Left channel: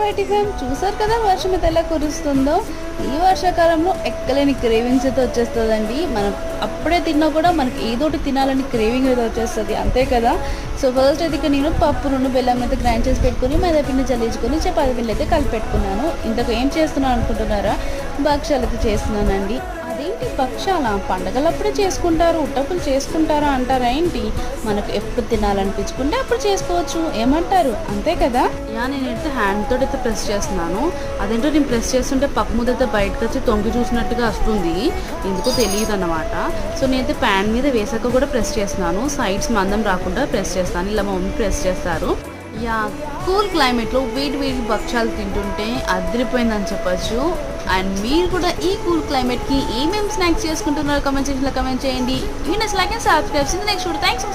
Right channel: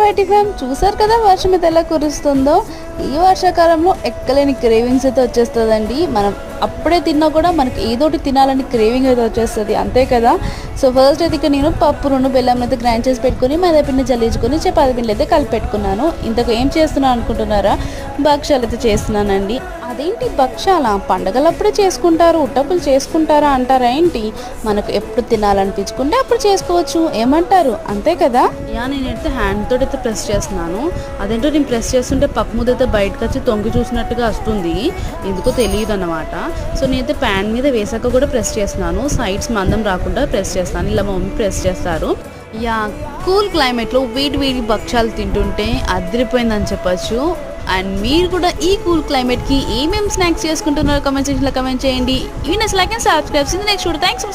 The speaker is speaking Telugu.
వైటీ ఫ్యామ్ చూసారు కదా వర్షం అయితే ఎలా కురుస్తుందో. ఈ వర్షాకాలంలో ఎక్కలేని క్రేవింగ్స్ అయితే వచ్చేస్తుందండి. మనం అప్పుడే తిన్నా కూడా మనకి ఏదోటి తినాలని క్రేవింగ్ అయితే వచ్చేస్తుంది, అంతే కదా. సో ఫస్ట్ అయితే ఇక నేను పప్పు రెండు బెల్లం అయితే గ్రైండ్ చేసి పెట్టుకుని మైదా పిండి జల్లించుకొని చపాతీ పిండి అయితే కలిపి పెట్టుకున్నాను. ఇంతకు ఏం చేస్తున్నాను అనుకుంటున్నారా? భక్షాలు అయితే చేస్తున్నానండి. అదేంటి భక్షాల పండగలప్పుడే చేసుకుంటారు, ఉట్టప్పులు చేసుకుంటారా అంటారా ఏంటి? మనకు ఎప్పుడు తినాలనిపించుకుంటే అప్పుడు చేసుకోవచ్చు, ఏమంటారు? అంతే కదా. నేనైతే హ్యాండ్ తోటి అయితే ప్రెస్ చేస్తున్నాను. అదేంటో నేను ప్రెస్ చేస్తుంటే పప్పు ముద్ద అయితే బయటకు వచ్చి తొంగి చూసినట్టుగా వస్తుంది, ఎందుకో తెలియదు అన్నమాట. సో నేనైతే ప్యాన్ మీద వేసాక కూడా ప్రెస్ చేస్తున్నాను, సైడ్స్ మందం రాకుండా ప్రెస్ చేస్తాను. ఇలా మా మమ్మీ ప్రెస్ చేస్తారు. కూల్ క్లైమేట్లో వేడి వేడి భక్షాలు తింటుంటే అదిరిపోయిందని చెప్పచ్చు. అండ్ మీరు కూడా ఈ కూల్ క్లైమేట్కి ఏమేమి స్నాక్స్ చేసుకుంటున్నారో కమెంట్ సెక్షన్లో కమెంట్ చేయండి. ఈ next like and subscribe next. Thanks.